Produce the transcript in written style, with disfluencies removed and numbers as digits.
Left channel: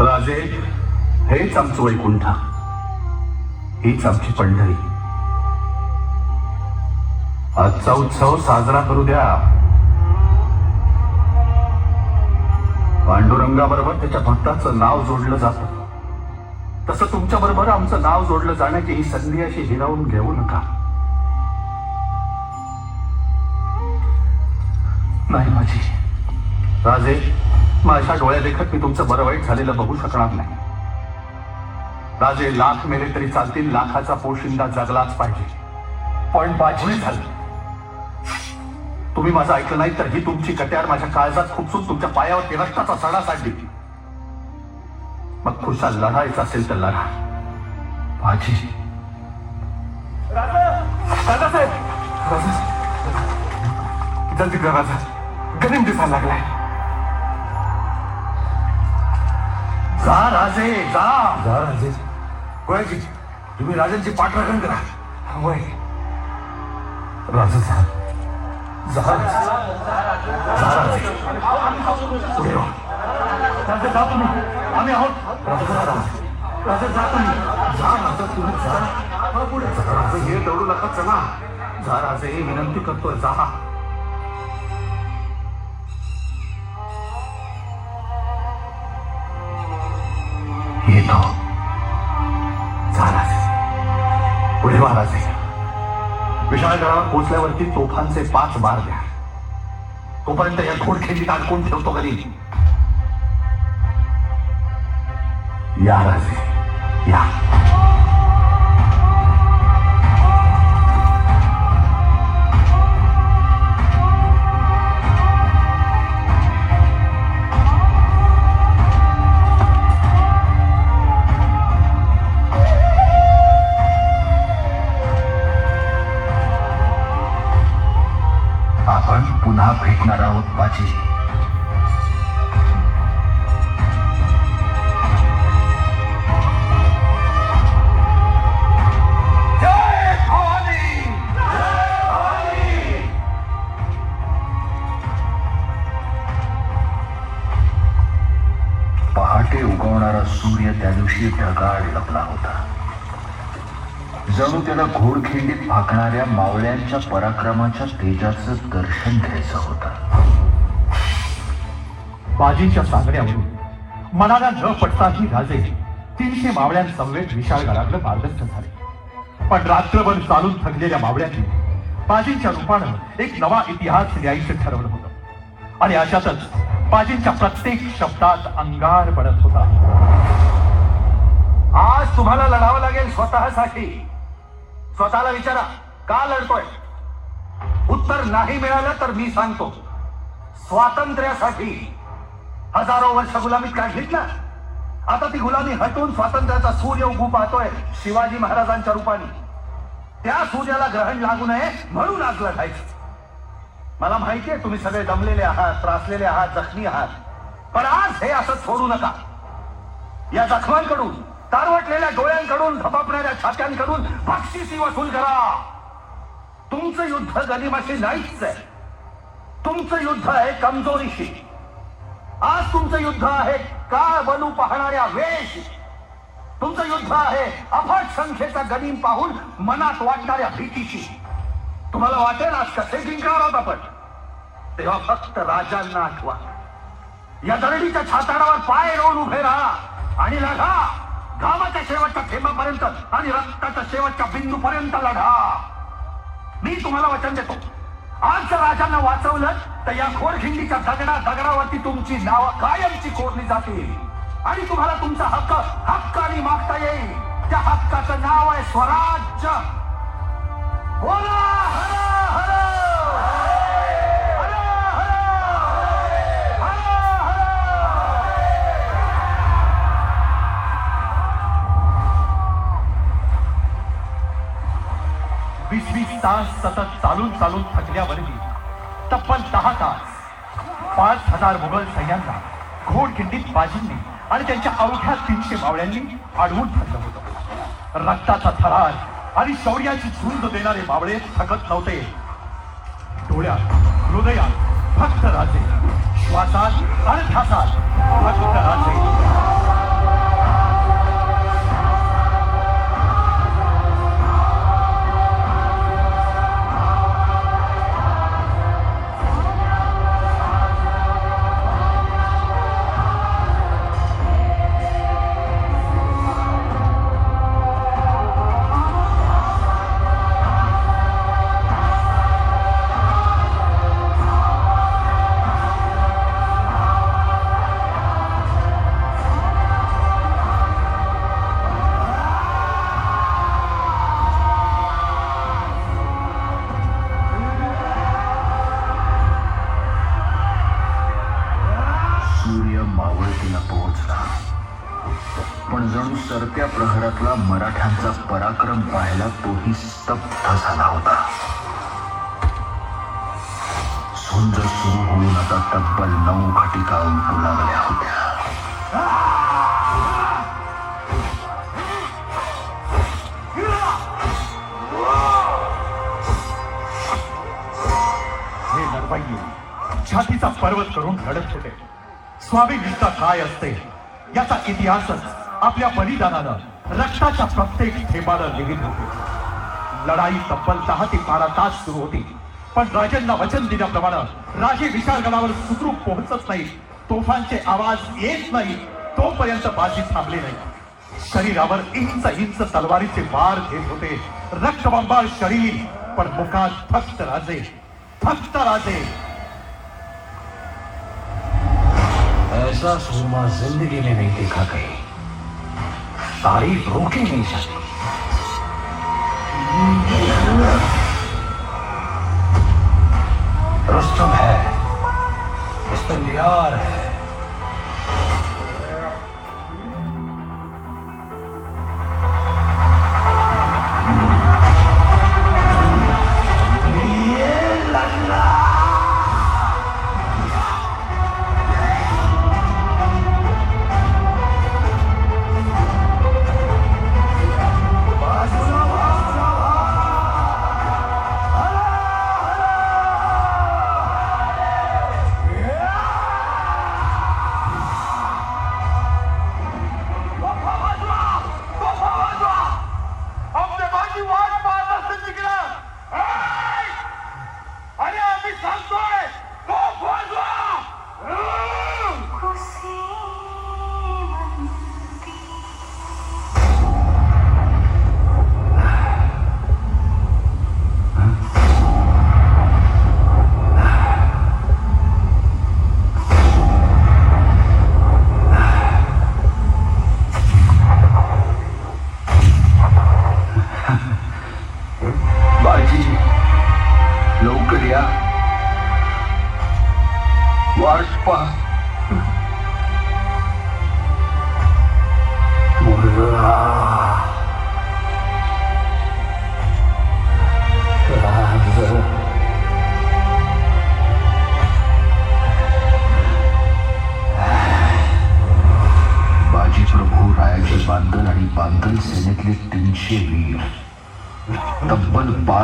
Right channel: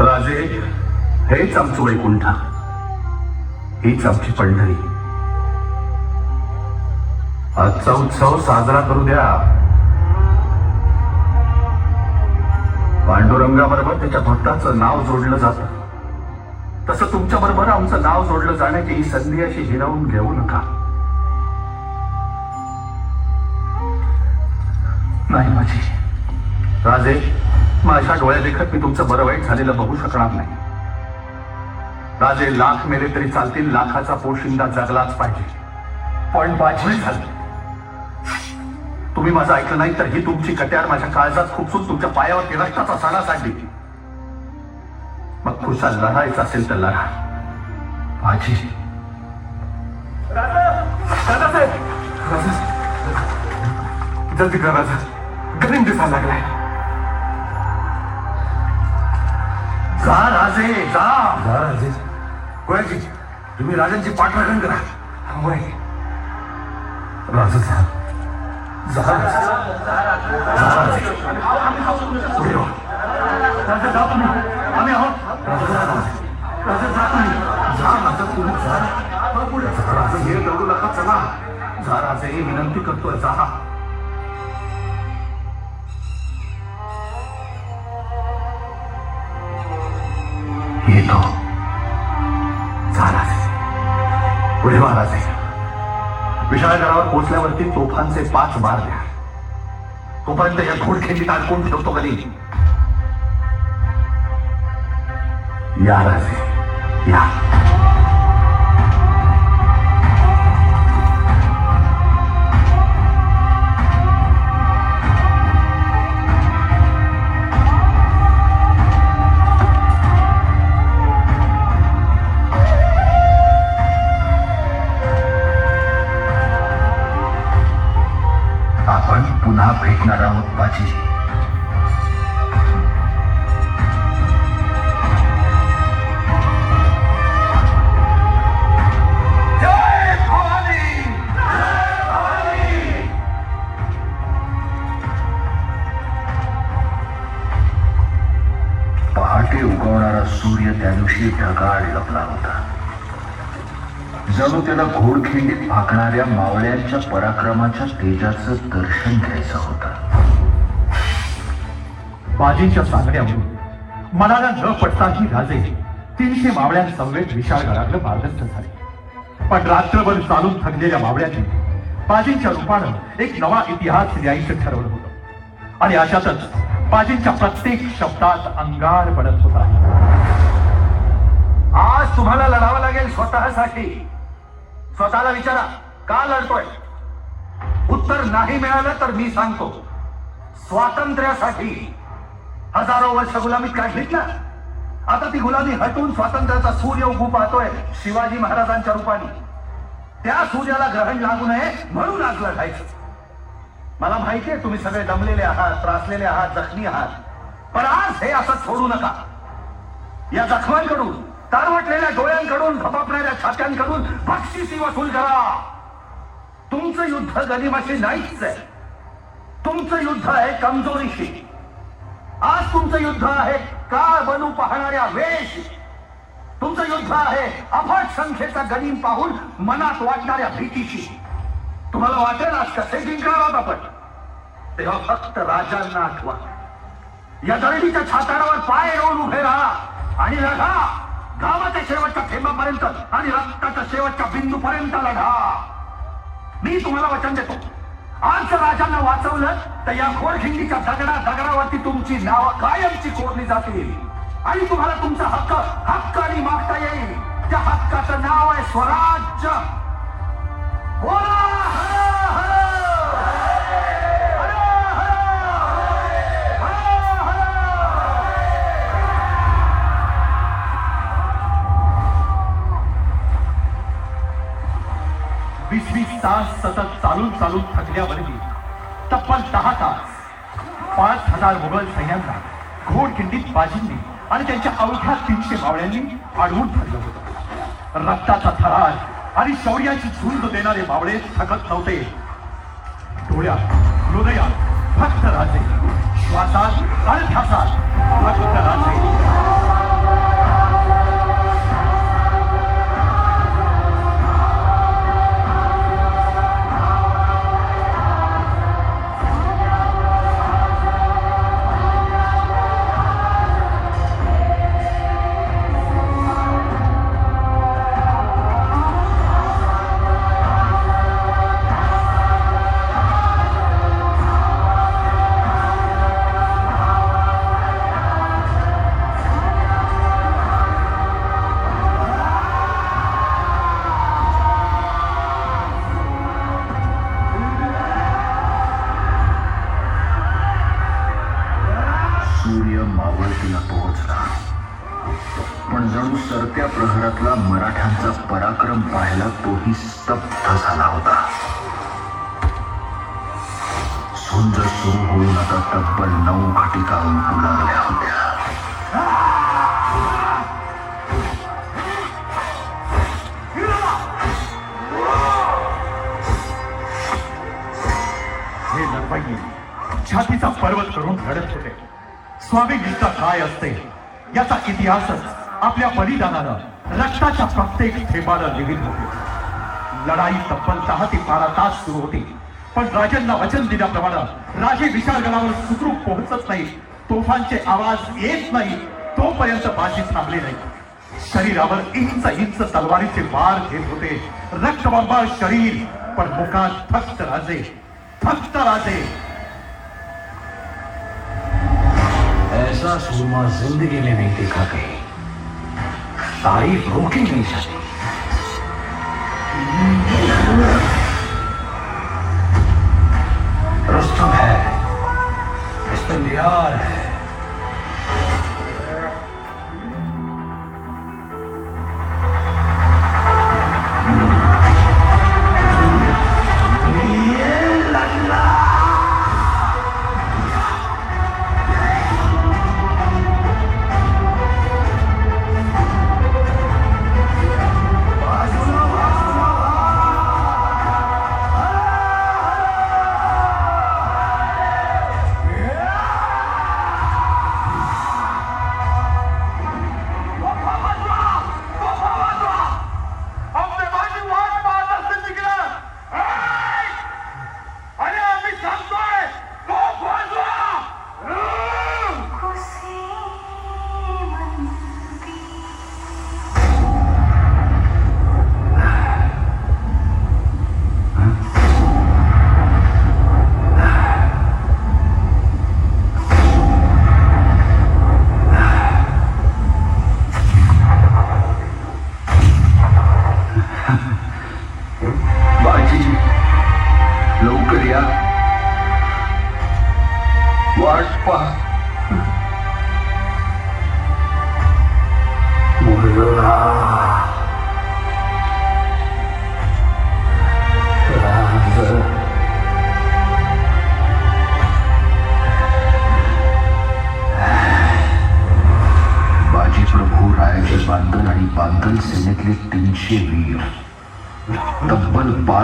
राजे, हेच आमचं वैकुंठ, हीच आमची पंढरी. आजचा उत्सव साजरा करू द्या. पांडुरंगाबरोबर त्याच्या भक्ताचं नाव जोडलं जातं, तसं तुमच्या बरोबर आमचं नाव जोडलं जाण्याची ही संधी अशी हिरावून घेऊ नका. नाही माझी राजे, माझ्या डोळ्या देखत मी तुमचं बरं वाईट झालेलं बघू शकणार नाही. राजे, लाख मेले तरी चालतील, लाखाचा पोशिंदा जगलाच पाहिजे. पण माझी झालं, तुम्ही माझं ऐकलं नाही तर ही तुमची कट्यार माझ्या काळजात खुपसून तुमच्या पायावर केला साला सांगली. मग खुशाल लढायचं असेल तर लढा. माझी जल्दी कर राजा, गरीब दिसायला लागलाय. जा राजे, जा जा राजे. गोळ्याजी, तुम्ही राजांची पाठराखण करा. होय राजा, जा जा राजा. पुढे हो. राजा, जा तुम्ही, आम्ही आहोत. राजा, जा तुम्ही, जा आता तुम्ही जा पुढे. राजे, हे दौडू नका, चला. जा राजे, हे विनंती करतोय, जा. येतो. पुढे महाराज, विशाळगडावर पोहोचल्यावरती तोफांचे 5 बार द्या. तोपर्यंत या घोडखेंडीत अडकून ठेवतो कधी. या राजे, या. पुन्हा भेटणार आहोत माझी. पहाटे उगवणारा सूर्य त्या दिवशी ढगाळ लपला होता. जणू त्याला घोडखिंडीत फाकणाऱ्या मावळ्यांच्या पराक्रमाच्या तेजाचं दर्शन घ्यायचं होतं. बाजींच्या सांगण्यावरून मनाला न पटताही राजे 300 मावळ्यांसमवेत विशाळगडाकडे मार्गस्थ झाले. पण रात्रभर चालून थकलेल्या मावळ्यांनी बाजींच्या रूपानं एक नवा इतिहास लिहायचं ठरवलं होतं. आणि अशातच बाजींच्या प्रत्येक शब्दात अंगार पडत होता. आज तुम्हाला लढावं लागेल स्वतःसाठी. स्वतःला विचारा, का लढतोय? उत्तर नाही मिळालं तर मी सांगतो, स्वातंत्र्यासाठी. हजारो वर्ष गुलामीत काय घेतलं, आता ती गुलामी हटवून स्वातंत्र्याचा सूर्य उगू पाहतोय शिवाजी महाराजांच्या रूपाने. त्या सूर्याला ग्रहण लागू नये म्हणून आज लढायचं. मला माहितीये तुम्ही सगळे दमलेले आहात, त्रासलेले आहात, जखमी आहात. पण आज हे असं सोडू नका. या जखमांकडून, तारवटलेल्या डोळ्यांकडून, धपापलेल्या छात्यांकडून बक्षिसी वसूल करा. तुमचं युद्ध गनिमाशी नाहीच आहे. तुमचं युद्ध आहे कमजोरीशी. आज तुमचं युद्ध आहे काळ बनू पाहणाऱ्या वेळेशी. तुमचं युद्ध आहे अफाट संख्येचा गनीम पाहून मनात वाटणाऱ्या भीतीशी. तुम्हाला वाटेल आज कसे जिंकणार आहोत आपण, तेव्हा फक्त राजांना आठवा. या दळणीच्या छातारावर पाय रोवून उभे राहा आणि लढा. गावाच्या शेवटच्या थेंबापर्यंत आणि रक्ताच्या शेवटच्या बिंदूपर्यंत लढा. मी तुम्हाला वचन देतो, आज राजांना वाचवलं तर या घोडखिंडीच्या दगडावरती तुमची नावं कायमची कोरली जातील. आणि तुम्हाला तुमचा हक्क हक्काने मागता येईल. त्या हक्काचं नाव आहे स्वराज्य. बोला हर हर. वीस तास सतत चालून थकल्यावरही तब्बल 10 तास 5000 मुघल सैन्यांना घोडखिंडीत बाजींनी आणि त्यांच्या अवघ्या 300 मावळ्यांनी अडवून ठेवलं होतं. रक्ताचा थरार आणि शौर्याची झुंज देणारे मावळे थकत नव्हते. डोळ्यात, हृदयात फक्त राजे, श्वासात आणि ध्यासात फक्त राजे. पहिल्या प्रहरातला मराठ्यांचा पराक्रम पाहायला तोही स्तब्ध झाला होता. झुंज सुरू होऊन आता तब्बल 9 घटिका उठू लागल्या होत्या. हे लढवाई छातीचा पर्वत करून लढत होते. स्वाभिनिष्ठा काय असते याचा इतिहासच आपल्या बलिदानानं रक्ताच्या प्रत्येक थेंबाला लिहित होते. लढाई तब्बल 10 ते 12 तास सुरू होती, पण राजांना वचन दिल्याप्रमाणे राजे विशाळगडावर सुखरूप पोहोचत नाही, तोफांचे आवाज येत नाही तोपर्यंत बाजी थांबले नाही. शरीरावर इंच इंच तलवारीचे वार घेत होते. रक्तबंबाळ शरीर, पण मुखात फक्त राजे, फक्त राजे. ऐसा सुरमा जिंदगी में नहीं देखा कहीं. तारीफ रोकी नहीं जाती. रुस्तम है, बिस्मिल्लाह है. लवकर या, वाट पहा. बाजी प्रभू रायाचे बांदल आणि बांदल सेनेतले 300 वीर तब्बल